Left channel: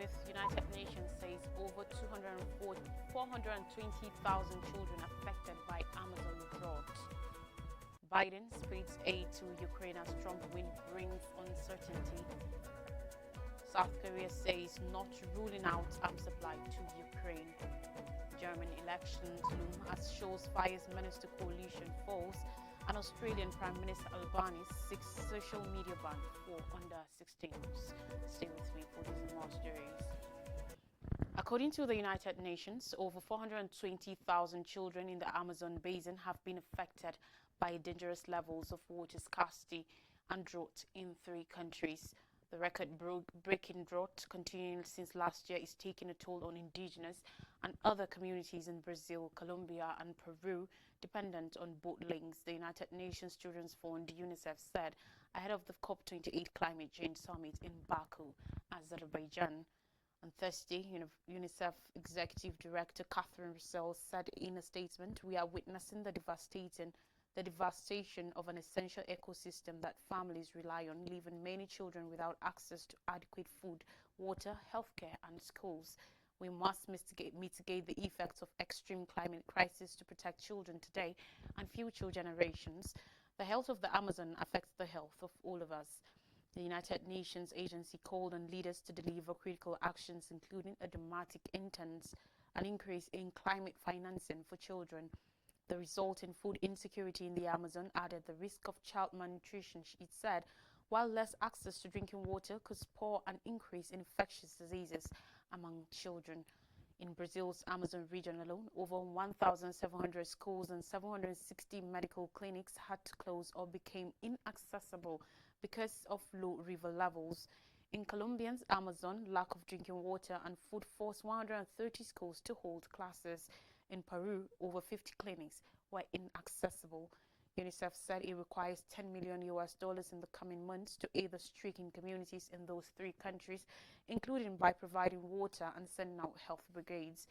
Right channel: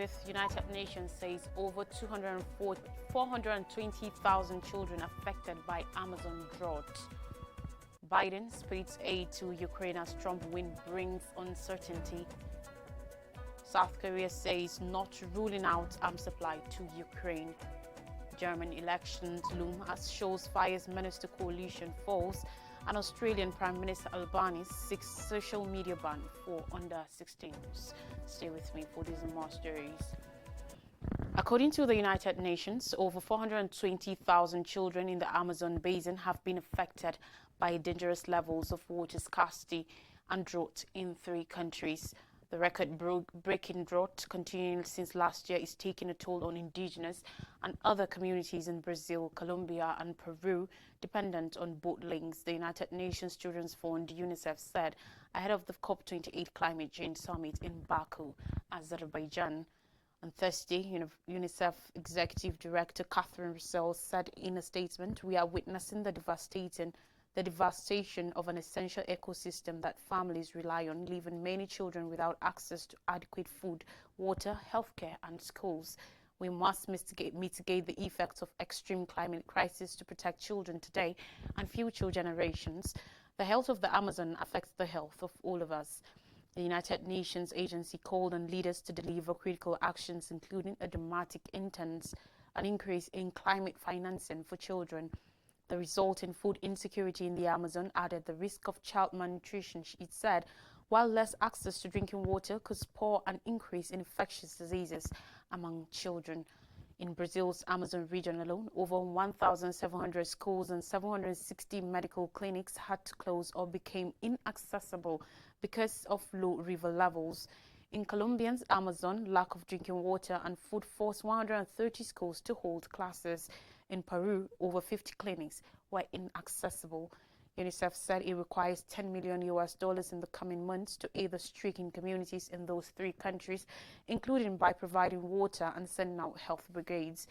with United Nations says over 420,000 children affected by Amazon drought. Biden splits aid to Ukraine as Trump win brings uncertainty. South Korea says not ruling out arms supply to Ukraine. German elections loom as shows fires menace to coalition falls, and Australian Prime Minister Albanese seeks social media ban for under-16s. Stay with me for these and more stories. According to the United Nations, over 420,000 children in the Amazon basin have been affected by dangerous levels of water scarcity and drought in 3 countries. The record-breaking drought continuing since last year is taking a toll on indigenous and other communities in Brazil, Colombia and Peru, dependent on boat links, the United Nations Children's Fund, UNICEF, said ahead of the COP28 Climate Change Summit in Baku, Azerbaijan. On Thursday, UNICEF Executive Director Catherine Russell said in a statement, "We are witnessing the devastation of an essential ecosystem that families rely on, leaving many children without access to adequate food, water, healthcare and schools. We must mitigate the effects of extreme climate crisis to protect children today and future generations. The health of the Amazon affects the health of all of us." The United Nations agency called on leaders to deliver critical actions, including a dramatic an increase in climate financing for children. The resulting food insecurity in the Amazon added the risk of child malnutrition, it said, while less access to drinking water could spur an increase in infectious diseases among children. In Brazil's Amazon region alone, over 1,700 schools and 760 medical clinics had to close or became inaccessible because of low river levels. In Colombia's Amazon, lack of drinking water and food forced 130 schools to hold classes. In Peru, over 50 clinics were inaccessible. UNICEF said it requires $10 million in the coming months to aid the stricken communities in those 3 countries, including by providing water and sending out health brigades.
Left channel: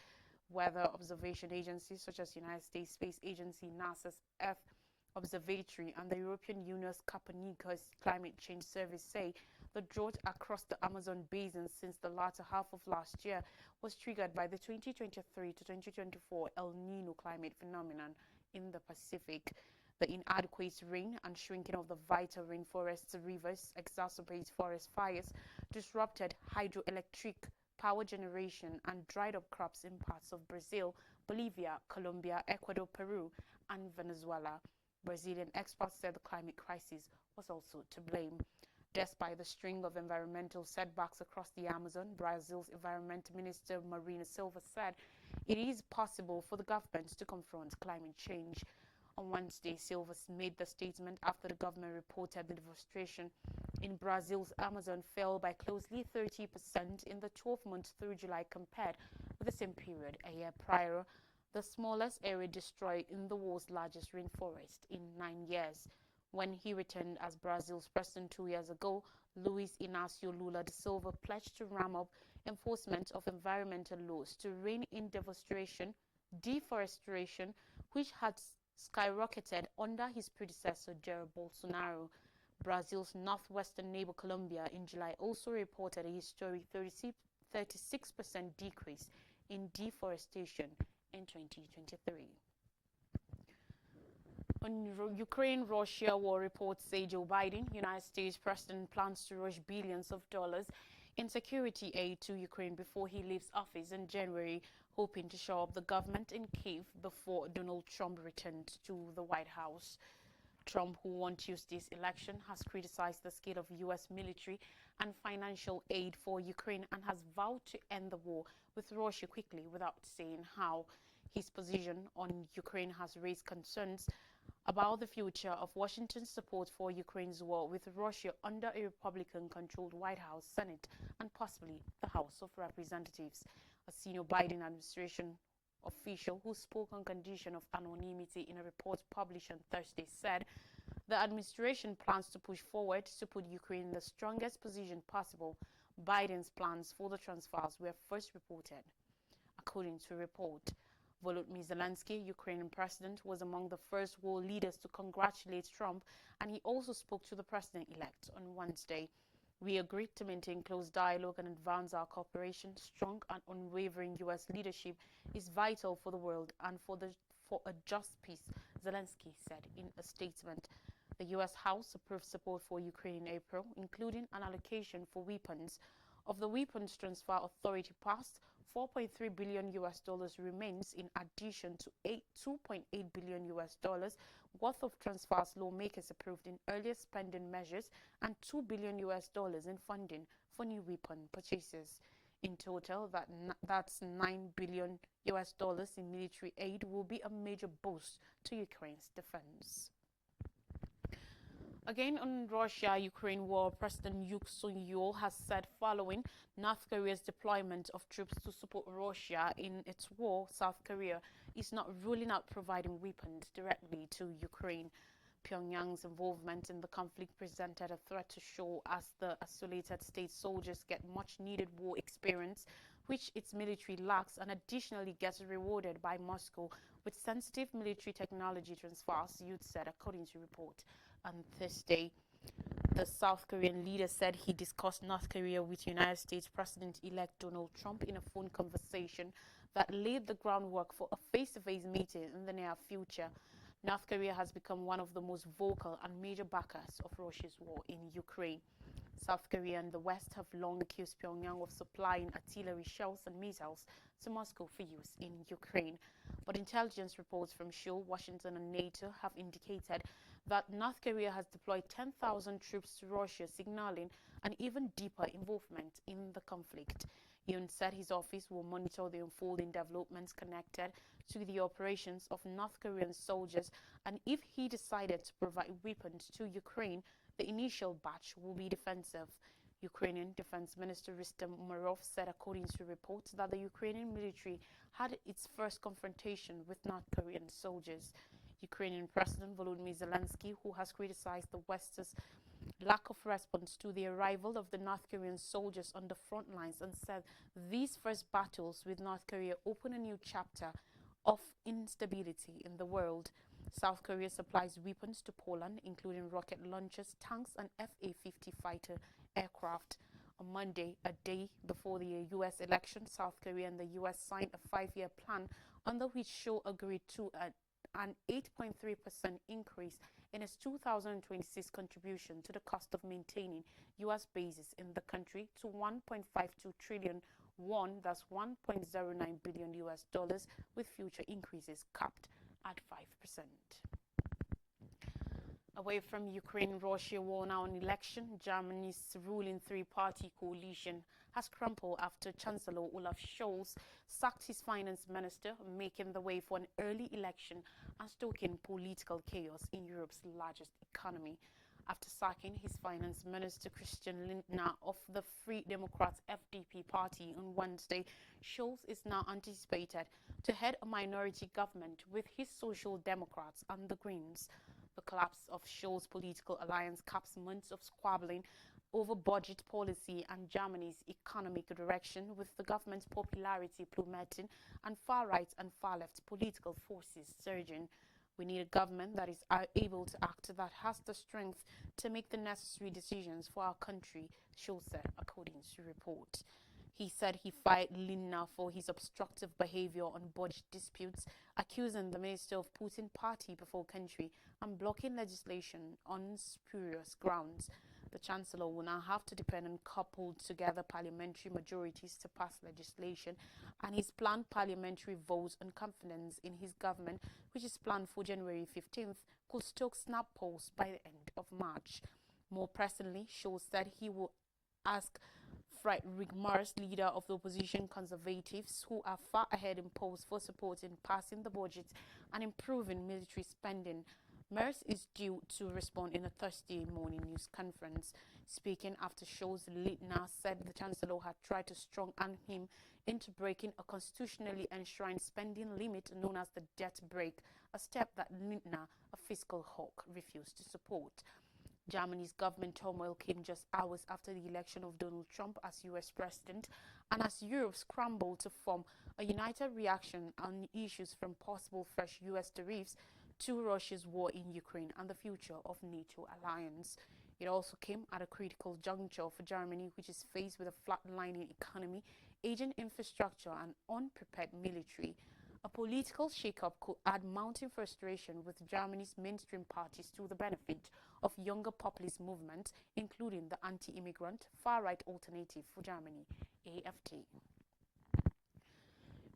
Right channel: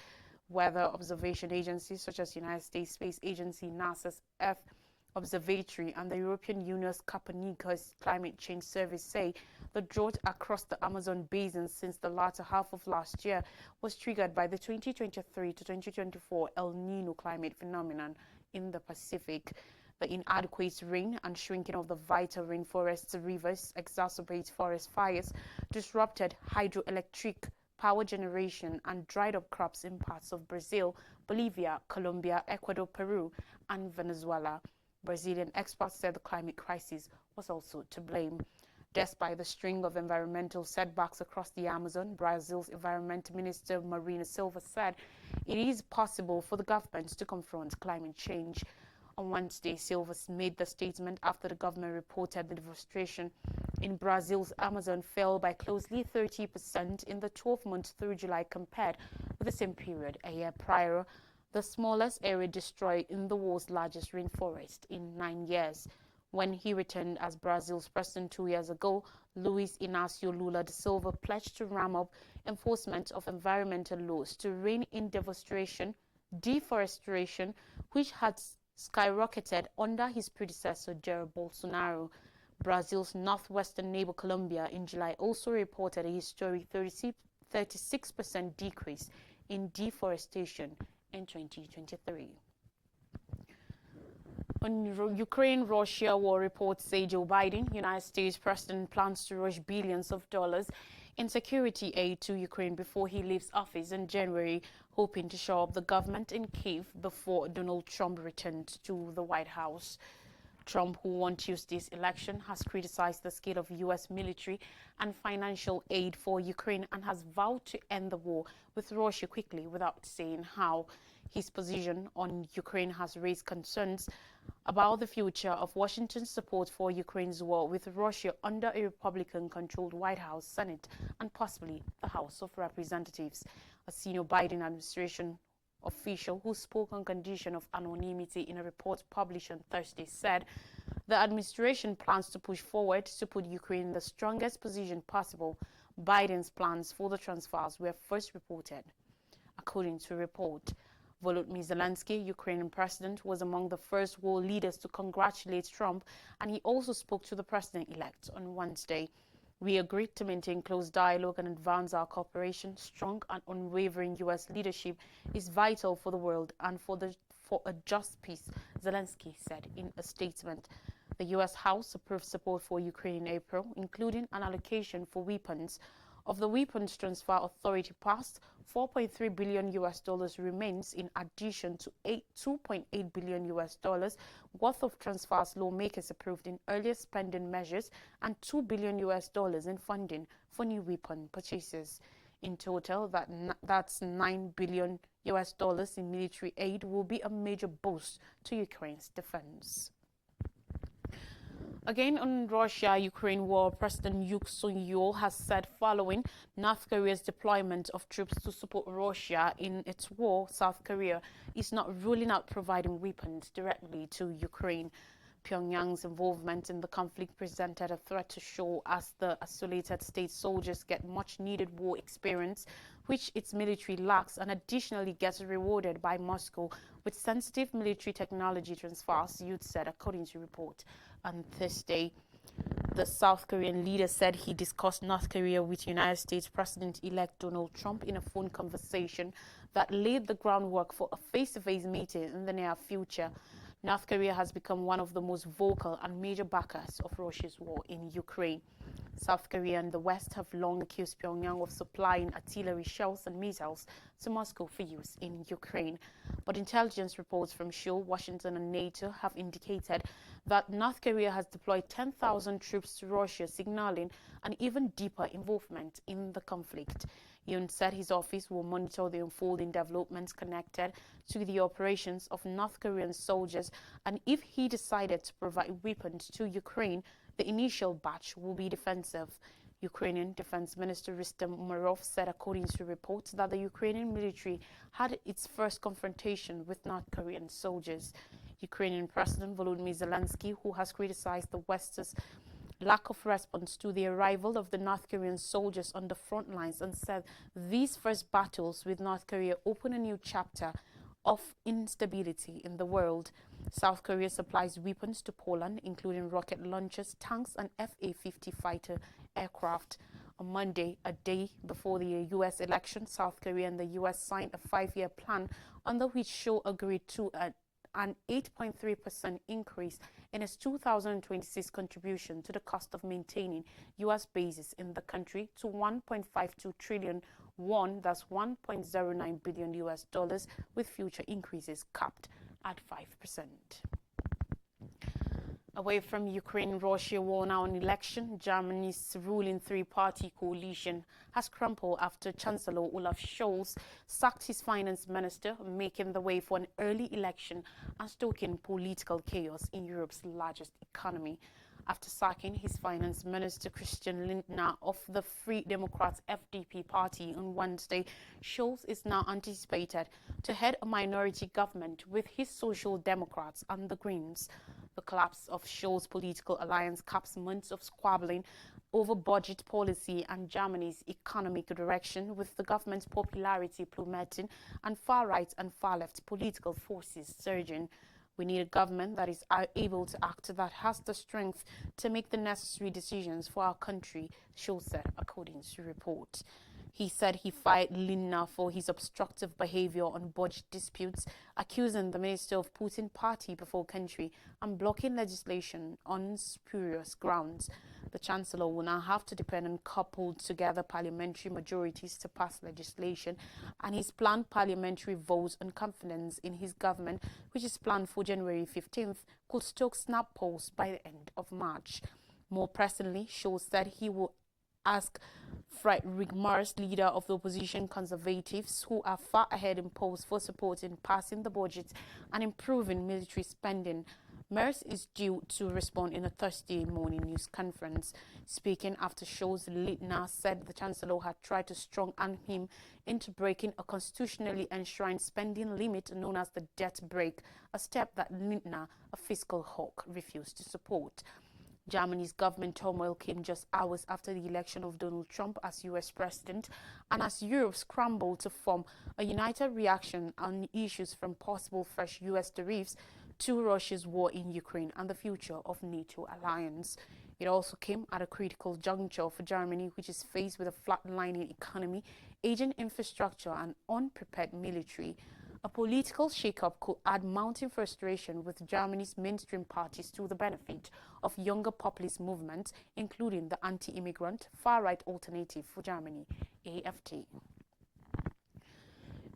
Weather observation agencies such as United States Space Agency, NASA's Earth Observatory and the European Union's Copernicus Climate Change Service say the drought across the Amazon basin since the latter half of last year was triggered by the 2023 to 2024 El Nino climate phenomenon in the Pacific. The inadequate rain and shrinking of the vital rainforests rivers exacerbate forest fires, disrupted hydroelectric power generation and dried up crops in parts of Brazil, Bolivia, Colombia, Ecuador, Peru and Venezuela. Brazilian experts said the climate crisis was also to blame. Despite the string of environmental setbacks across the Amazon, Brazil's Environment Minister Marina Silva said it is possible for the government to confront climate change. On Wednesday, Silva made the statement after the government reported the deforestation in Brazil's Amazon fell by closely 30% in the 12 months through July compared with the same period a year prior, the smallest area destroyed in the world's largest rainforest in 9 years. When he returned as Brazil's president 2 years ago, Luiz Inácio Lula da Silva pledged to ramp up enforcement of environmental laws to rein in deforestation, which had skyrocketed under his predecessor Jair Bolsonaro. Brazil's northwestern neighbor Colombia in July also reported a historic 36% decrease in deforestation in 2023. On Ukraine-Russia war, reports say Joe Biden, United States President, plans to rush billions of dollars in security aid to Ukraine before he leaves office in January, hoping to shore up the government in Kyiv before Donald Trump returns to the White House. Trump, who won Tuesday's election, has criticized the scale of U.S. military and financial aid for Ukraine and has vowed to end the war with Russia quickly without saying how. His position on Ukraine has raised concerns about the future of Washington's support for Ukraine's war with Russia under a Republican-controlled White House, Senate, and possibly the House of Representatives. A senior Biden administration official who spoke on condition of anonymity in a report published on Thursday said the administration plans to push forward to put Ukraine in the strongest position possible. Biden's plans for the transfers were first reported. According to a report, Volodymyr Zelensky, Ukrainian president, was among the first world leaders to congratulate Trump, and he also spoke to the president-elect on Wednesday. We agreed to maintain close dialogue and advance our cooperation. Strong and unwavering U.S. leadership is vital for the world and for a just peace, Zelensky said in a statement. The U.S. House approved support for Ukraine in April, including an allocation for weapons. Of the weapons transfer authority passed, 4.3 billion US dollars remains in addition to 2.8 billion US dollars worth of transfers lawmakers approved in earlier spending measures and 2 billion US dollars in funding for new weapon purchases. In total, that's 9 billion US dollars in military aid will be a major boost to Ukraine's defense. Again, on Russia-Ukraine war, President Yoon Suk-yeol has said following North Korea's deployment of troops to support Russia in its war, South Korea is not ruling out providing weapons directly to Ukraine. Pyongyang's involvement in the conflict presented a threat to Seoul as the isolated state soldiers get much-needed war experience, which its military lacks, and additionally gets rewarded by Moscow with sensitive military technology transfers, Yoon said, according to report. On Thursday, the South Korean leader said he discussed North Korea with United States President-elect Donald Trump in a phone conversation that laid the groundwork for a face-to-face meeting in the near future. North Korea has become one of the most vocal and major backers of Russia's war in Ukraine. South Korea and the West have long accused Pyongyang of supplying artillery shells and missiles to Moscow for use in Ukraine. But intelligence reports from Seoul, Washington and NATO have indicated that North Korea has deployed 10,000 troops to Russia, signaling an even deeper involvement in the conflict. Yoon said his office will monitor the unfolding developments connected to the operations of North Korean soldiers, and if he decided to provide weapons to Ukraine, the initial batch will be defensive. Ukrainian Defense Minister Rustem Umerov said, according to reports, that the Ukrainian military had its first confrontation with North Korean soldiers. Ukrainian President Volodymyr Zelensky, who has criticized the West's lack of response to the arrival of the North Korean soldiers on the front lines, and said these first battles with North Korea open a new chapter of instability in the world. South Korea supplies weapons to Poland, including rocket launchers, tanks, and F-A-50 fighter aircraft. On Monday, a day before the U.S. election, South Korea and the U.S. signed a 5-year plan under which Seoul agreed to an 8.3% increase in its 2026 contribution to the cost of maintaining U.S. bases in the country to 1.52 trillion won, that's 1.09 billion US dollars, with future increases capped at 5%. Away from Ukraine-Russia war now on election, Germany's ruling three-party coalition has crumbled after Chancellor Olaf Scholz sacked his finance minister, making the way for an early election and stoking political chaos in Europe's largest economy. After sacking his finance minister Christian Lindner of the Free Democrats FDP party on Wednesday, Scholz is now anticipated to head a minority government with his Social Democrats and the Greens. The collapse of Scholz's political alliance caps months of squabbling over budget policy and Germany's economic direction, with the government's popularity plummeting and far-right and far-left political forces surging. We need a government that is able to act, that has the strength to make the necessary decisions for our country, Scholz said, according to reports. He said he fired Lindner for his obstructive behavior on budget disputes, accusing the minister of putting party before country and blocking legislation on spurious grounds. The Chancellor will now have to depend on coupled together parliamentary majorities to pass legislation, and his planned parliamentary votes on confidence in his government, which is planned for January 15th, could stoke snap polls by the end of March. More pressingly, Scholz said he will ask Friedrich Merz, leader of the opposition Conservatives, who are far ahead in polls for support in passing the budget and improving military spending. Merz is due to respond in a Thursday morning news conference. Speaking after Scholz, Lindner said the Chancellor had tried to strong-arm him into breaking a constitutionally enshrined spending limit known as the debt brake, a step that Lindner, a fiscal hawk, refused to support. Germany's government turmoil came just hours after the election of Donald Trump as U.S. president, and as Europe scrambled to form a united reaction on issues from possible fresh U.S. tariffs to Russia's war in Ukraine and the future of NATO alliance. It also came at a critical juncture for Germany, which is faced with a flatlining economy, aging infrastructure, and unprepared military. A political shakeup could add mounting frustration with Germany's mainstream parties to the benefit of younger populist movements, including the anti-immigrant far-right Alternative for Germany, AfD.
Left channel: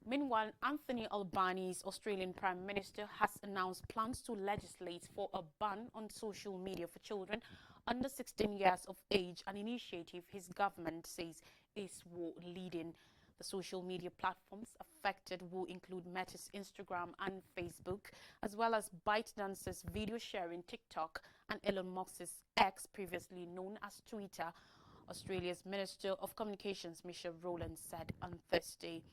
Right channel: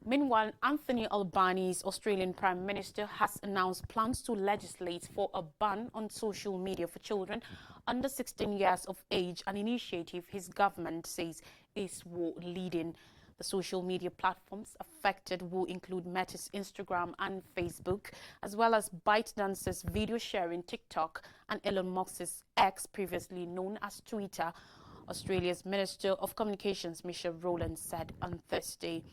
Meanwhile, Anthony Albanese's Australian Prime Minister has announced plans to legislate for a ban on social media for children under 16 years of age, an initiative his government says is war-leading. The social media platforms affected will include Meta's Instagram and Facebook, as well as ByteDance's video sharing TikTok and Elon Musk's X, previously known as Twitter, Australia's Minister of Communications, Michelle Rowland, said on Thursday.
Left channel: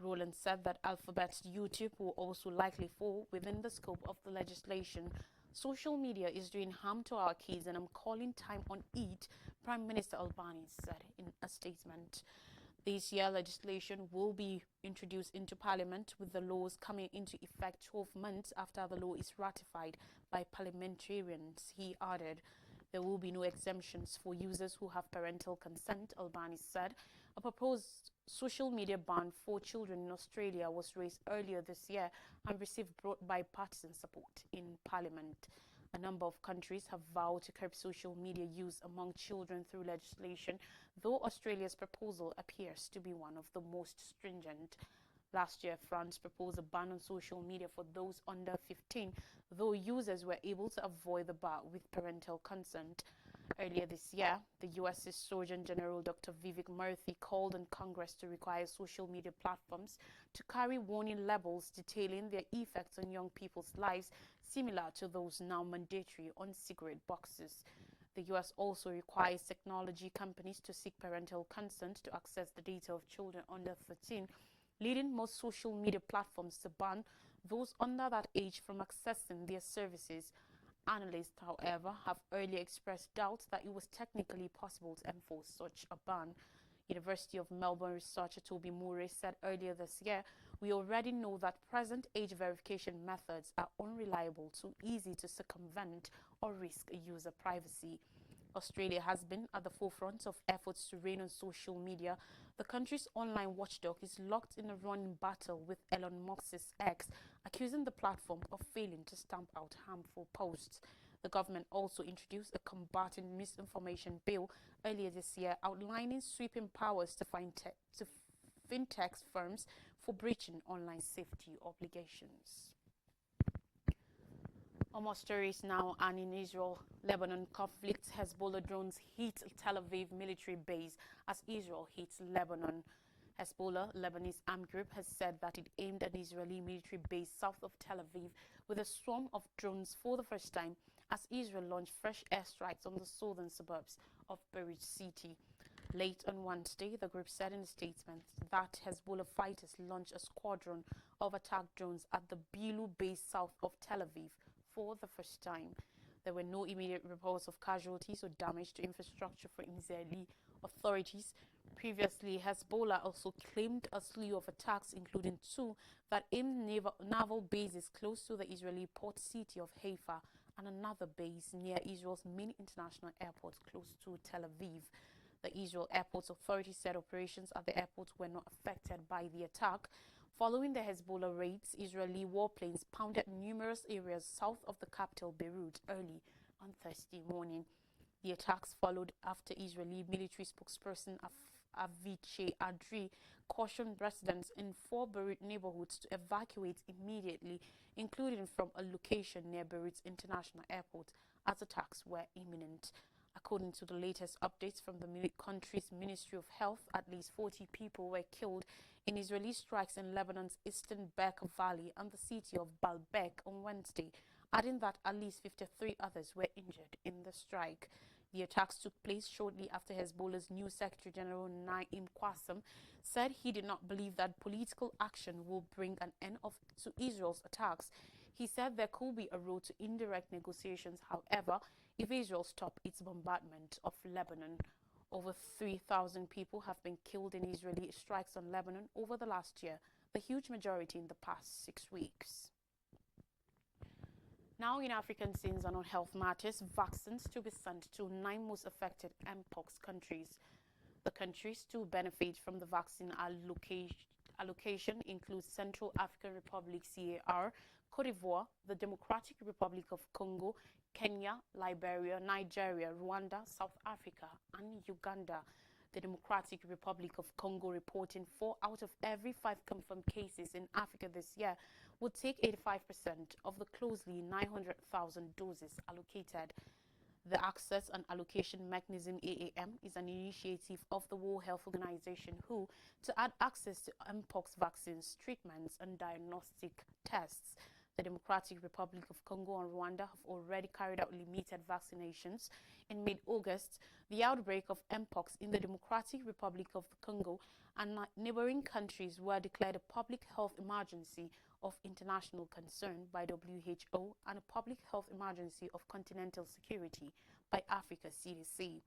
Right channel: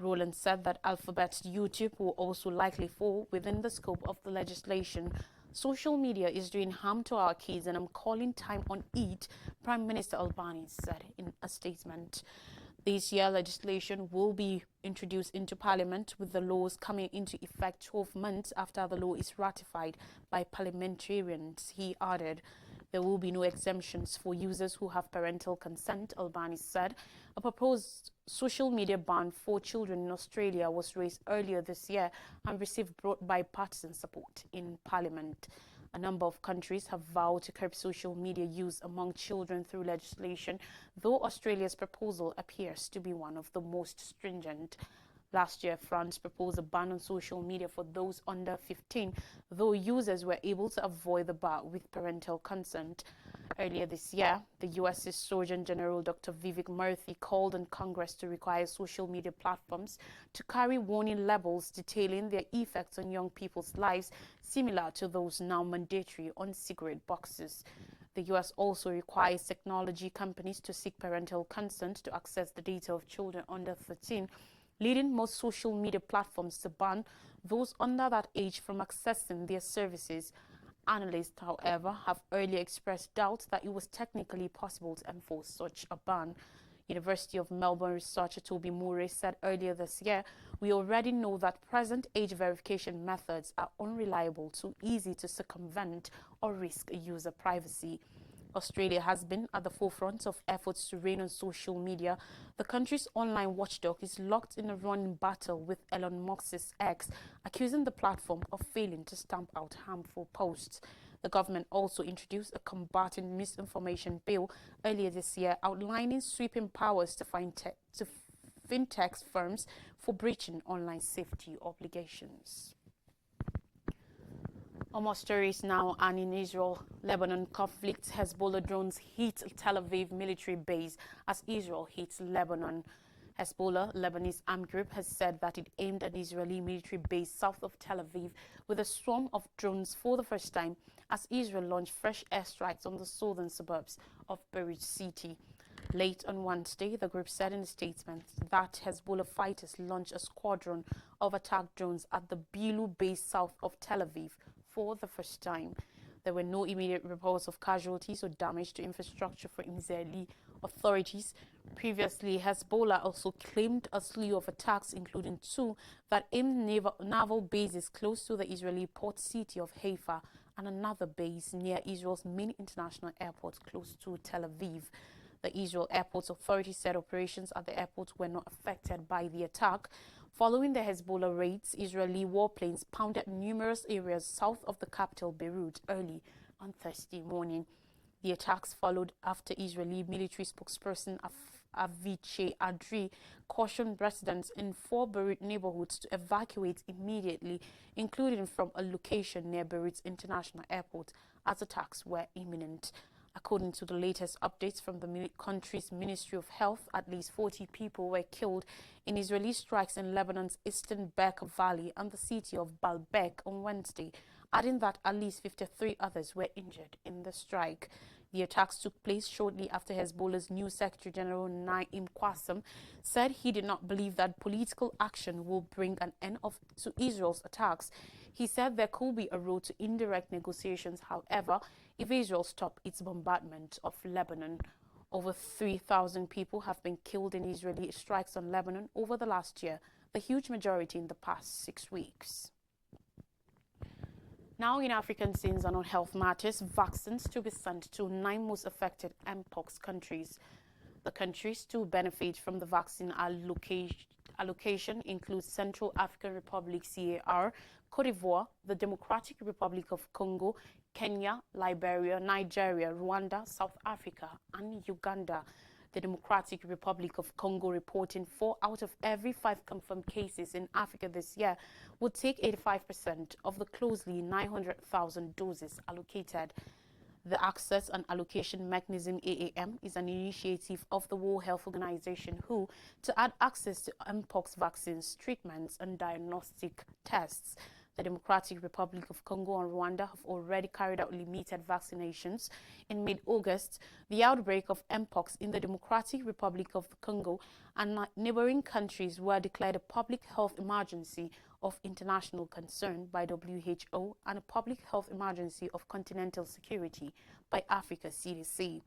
Rowland said that Alphabet's YouTube will also likely fall within the scope of the legislation. Social media is doing harm to our kids and I'm calling time on it, Prime Minister Albanese said in a statement. This year, legislation will be introduced into Parliament, with the laws coming into effect 12 months after the law is ratified by parliamentarians. He added, there will be no exemptions for users who have parental consent, Albanese said. A proposed social media ban for children in Australia was raised earlier this year and received broad bipartisan support in Parliament. A number of countries have vowed to curb social media use among children through legislation, though Australia's proposal appears to be one of the most stringent. Last year, France proposed a ban on social media for those under 15, though users were able to avoid the bar with parental consent. Earlier this year, the U.S.'s Surgeon General Dr. Vivek Murthy called on Congress to require social media platforms to carry warning labels detailing their effects on young people's lives, similar to those now mandatory on cigarette boxes. The U.S. also requires technology companies to seek parental consent to access the data of children under 13, leading most social media platforms to ban those under that age from accessing their services. Analysts, however, have earlier expressed doubts that it was technically possible to enforce such a ban. University of Melbourne researcher Toby Murray said earlier this year, we already know that present age verification methods are unreliable, too easy to circumvent, or risk user privacy. Australia has been at the forefront of efforts to rein on social media. The country's online watchdog is locked in a running battle with Elon Musk's X, accusing the platform of failing to stamp out harmful posts. The government also introduced a combating misinformation bill earlier this year, outlining sweeping powers to fintech firms for breaching online safety obligations. More stories now, and in Israel-Lebanon conflict, Hezbollah drones hit Tel Aviv military base as Israel hits Lebanon. Hezbollah, Lebanese armed group, has said that it aimed an Israeli military base south of Tel Aviv with a swarm of drones for the first time as Israel launched fresh airstrikes on the southern suburbs of Beirut city. Late on Wednesday, the group said in a statement that Hezbollah fighters launched a squadron of attack drones at the Bilu base south of Tel Aviv for the first time. There were no immediate reports of casualties or damage to infrastructure for Israeli authorities. Previously, Hezbollah also claimed a slew of attacks, including two that aimed naval bases close to the Israeli port city of Haifa and another base near Israel's main international airport close to Tel Aviv. The Israel Airports Authority said operations at the airport were not affected by the attack. Following the Hezbollah raids, Israeli warplanes pounded numerous areas south of the capital Beirut early on Thursday morning. The attacks followed after Israeli military spokesperson Avichai Adri cautioned residents in 4 Beirut neighborhoods to evacuate immediately, including from a location near Beirut's international airport, as attacks were imminent. According to the latest updates from the country's Ministry of Health, at least 40 people were killed in Israeli strikes in Lebanon's eastern Bekaa Valley and the city of Baalbek on Wednesday, adding that at least 53 others were injured in the strike. The attacks took place shortly after Hezbollah's new Secretary General Naim Qassem said he did not believe that political action will bring an end to Israel's attacks. He said there could be a road to indirect negotiations, however, if Israel stopped its bombardment of Lebanon. Over 3,000 people have been killed in Israeli strikes on Lebanon over the last year, the huge majority in the past 6 weeks. Now in African scenes and on health matters, vaccines to be sent to 9 most affected mpox countries. The countries to benefit from the vaccine allocation include Central African Republic (CAR), Cote d'Ivoire, the Democratic Republic of Congo, Kenya, Liberia, Nigeria, Rwanda, South Africa, and Uganda. The Democratic Republic of Congo, reporting 4 out of every 5 confirmed cases in Africa this year, would take 85% of the closely 900,000 doses allocated. The Access and Allocation Mechanism (AAM) is an initiative of the World Health Organization (WHO) to add access to mpox vaccines, treatments, and diagnostic tests. The Democratic Republic of Congo and Rwanda have already carried out limited vaccinations. In mid-August, the outbreak of mpox in the Democratic Republic of the Congo and neighboring countries were declared a public health emergency of international concern by WHO and a public health emergency of continental security by Africa CDC.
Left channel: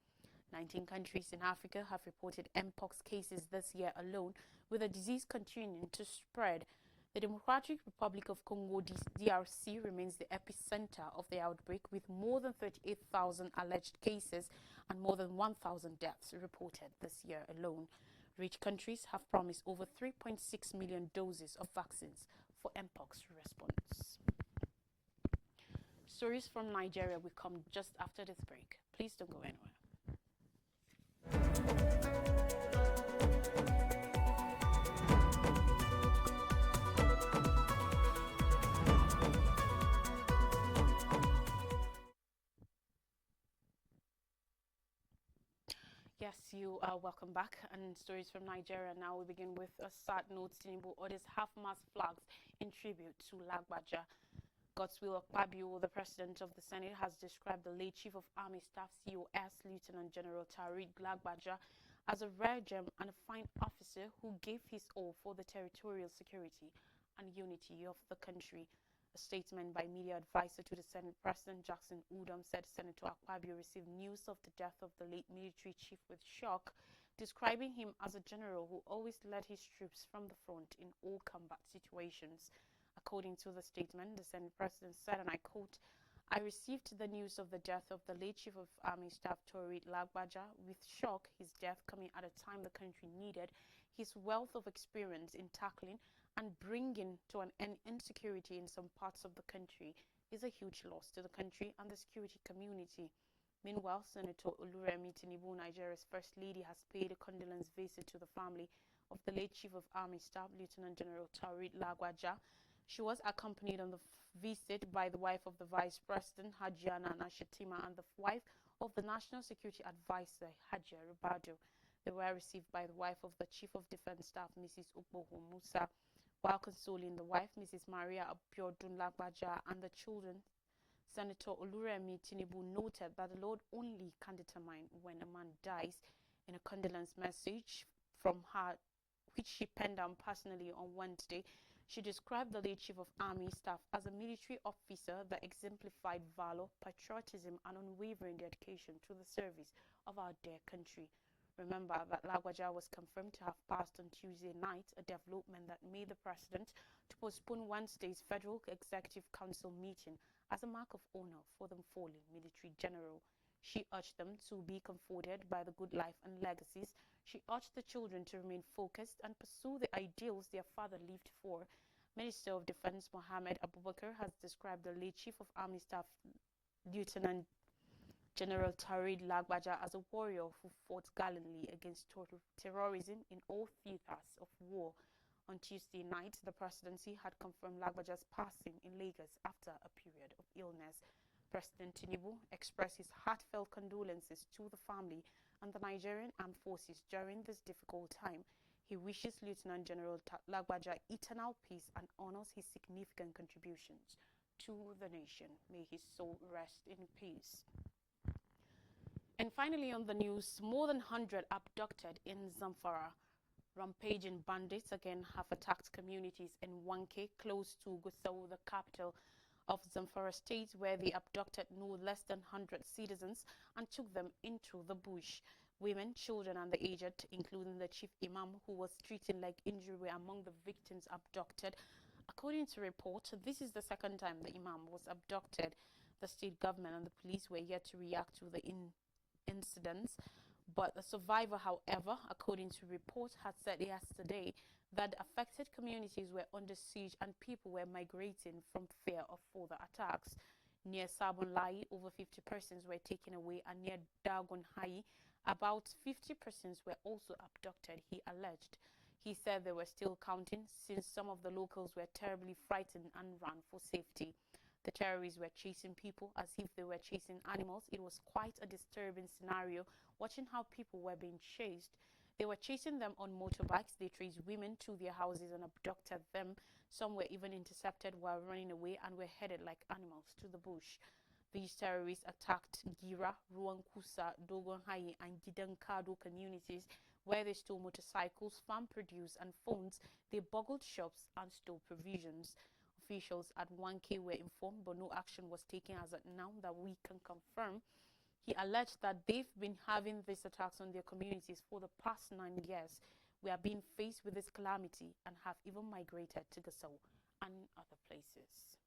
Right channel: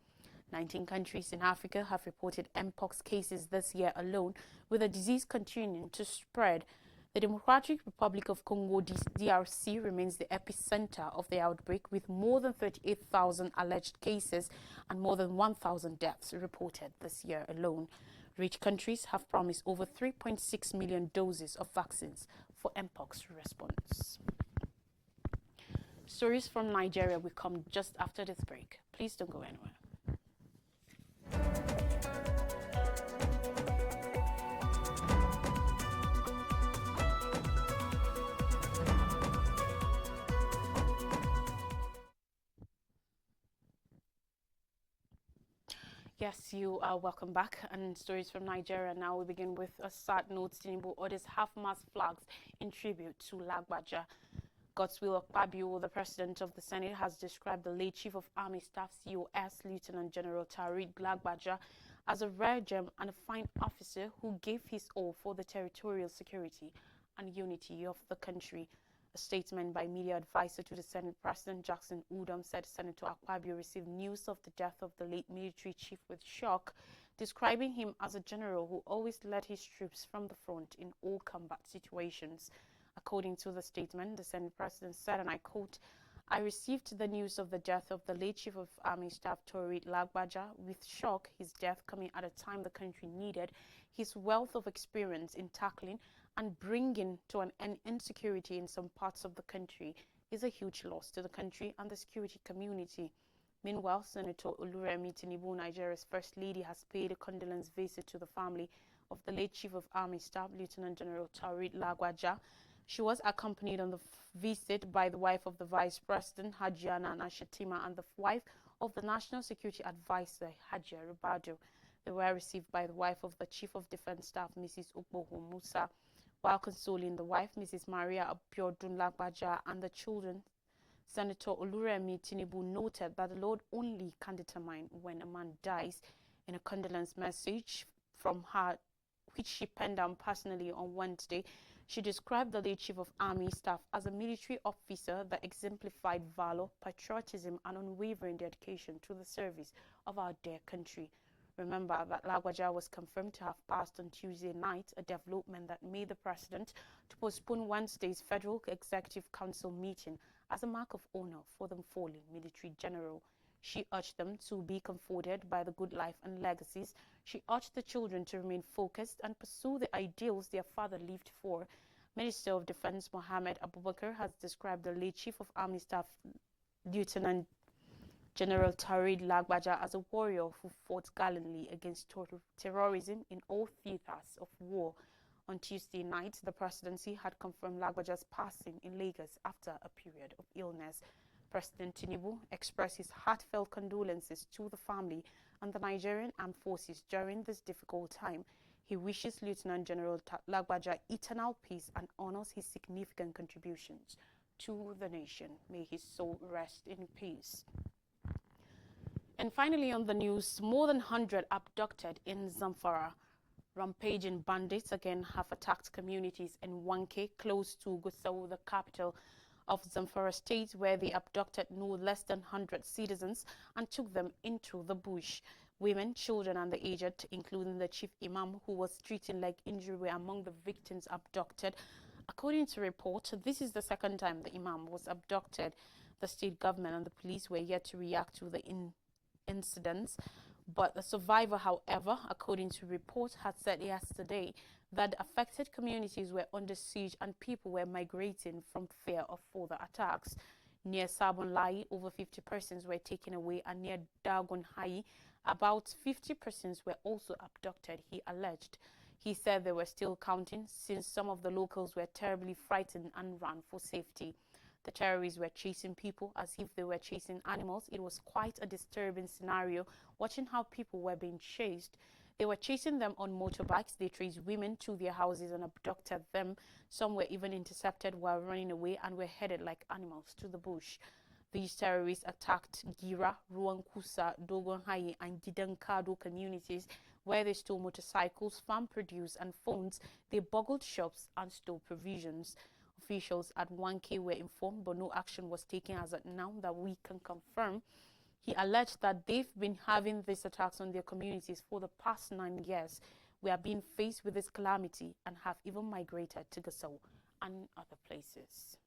19 countries in Africa have reported mpox cases this year alone, with the disease continuing to spread. The Democratic Republic of Congo (DRC) remains the epicenter of the outbreak, with more than 38,000 alleged cases and more than 1,000 deaths reported this year alone. Rich countries have promised over 3.6 million doses of vaccines for mpox response. Stories from Nigeria will come just after this break. Please don't go anywhere. Yes, you are welcome back. And stories from Nigeria now. We begin with a sad note. Tinubu orders half-mast flags in tribute to Lagbaja. Godswill Akpabio, the President of the Senate, has described the late Chief of Army Staff (COS) Lieutenant General Tarid Lagbaja as a rare gem and a fine officer who gave his all for the territorial security and unity of the country. A statement by media advisor to the Senate President Jackson Udom said Senator Akpabio received news of the death of the late military chief with shock, describing him as a general who always led his troops from the front in all combat situations. According to the statement, the Senate President said, and I quote, "I received the news of the death of the late Chief of Army Staff Tarid Lagbaja with shock, his death coming at a time the country needed his wealth of experience in tackling and bringing to an end insecurity in some parts of the country is a huge loss to the country and the security community." Meanwhile, Senator Oluremi Tinubu, Nigeria's First Lady, has paid a condolence visit to the family of the late Chief of Army Staff, Lieutenant General Tarid Lagbaja. She was accompanied on the visit by the wife of the Vice President, Hajiana Nashatima, and the wife of the National Security Advisor, Hajia Rubado. They were received by the wife of the Chief of Defense Staff, Mrs. Ukboho Musa. While consoling the wife, Mrs. Maria Abiodun Lagbaja, and the children, Senator Oluremi Tinubu noted that the Lord only can determine when a man dies. In a condolence message from her, which she penned down personally on Wednesday, she described the late Chief of Army Staff as a military officer that exemplified valor, patriotism, and unwavering dedication to the service of our dear country. Remember that Lagbaja was confirmed to have passed on Tuesday night, a development that made the president to postpone Wednesday's Federal Executive Council meeting as a mark of honor for the fallen military general. She urged them to be comforted by the good life and legacies. She urged the children to remain focused and pursue the ideals their father lived for. Minister of Defense Mohammed Abubakar has described the late Chief of Army Staff, Lieutenant General Tarid Lagbaja, as a warrior who fought gallantly against terrorism in all theaters of war. On Tuesday night, the presidency had confirmed Lagbaja's passing in Lagos after a period of illness. President Tinubu expressed his heartfelt condolences to the family and the Nigerian Armed Forces during this difficult time. He wishes Lieutenant General Lagbaja eternal peace and honors his significant contributions to the nation. May his soul rest in peace. And finally on the news, more than 100 abducted in Zamfara. Rampaging bandits again have attacked communities in Wanke, close to Gusau, the capital of Zamfara State, where they abducted no less than 100 citizens and took them into the bush. Women, children, and the aged, including the chief imam who was treating leg injury, were among the victims abducted. According to report, this is the second time the imam was abducted. The state government and the police were yet to react to the incidents. But the survivor, however, according to reports, had said yesterday that affected communities were under siege and people were migrating from fear of further attacks. Near Sabon Lai, over 50 persons were taken away, and near Dagon Hai, about 50 persons were also abducted, he alleged. He said they were still counting since some of the locals were terribly frightened and ran for safety. The terrorists were chasing people as if they were chasing animals. It was quite a disturbing scenario watching how people were being chased. They were chasing them on motorbikes. They traced women to their houses and abducted them. Some were even intercepted while running away and were headed like animals to the bush. These terrorists attacked Gira, Ruankusa, Dogonhaye and Gidankado communities where they stole motorcycles, farm produce and phones. They burgled shops and stole provisions. Officials at 1K were informed, but no action was taken as of now that we can confirm. He alleged that they've been having these attacks on their communities for the past 9 years. We are being faced with this calamity and have even migrated to Gusau and other places.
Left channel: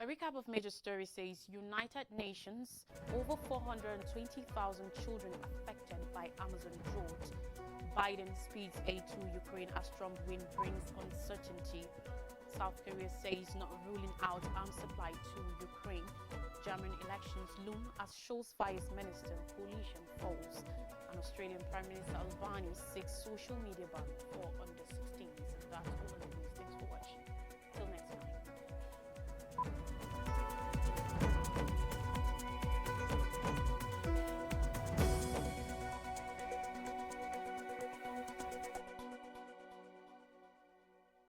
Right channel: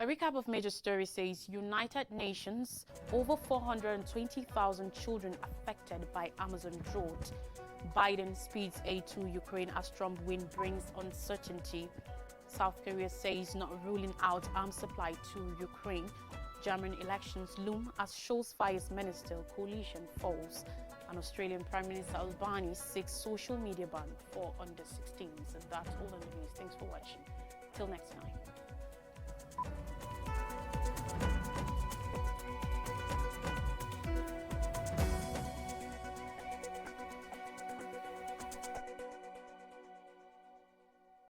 A recap of major stories says United Nations, over 420,000 children affected by Amazon drought. Biden speeds aid to Ukraine as Trump win brings uncertainty. South Korea says not ruling out arms supply to Ukraine. German elections loom as Scholz fires minister, coalition falls. And Australian Prime Minister Albanese seeks social media ban for under 16s. And that's all in the news. Thanks for watching. Till next time.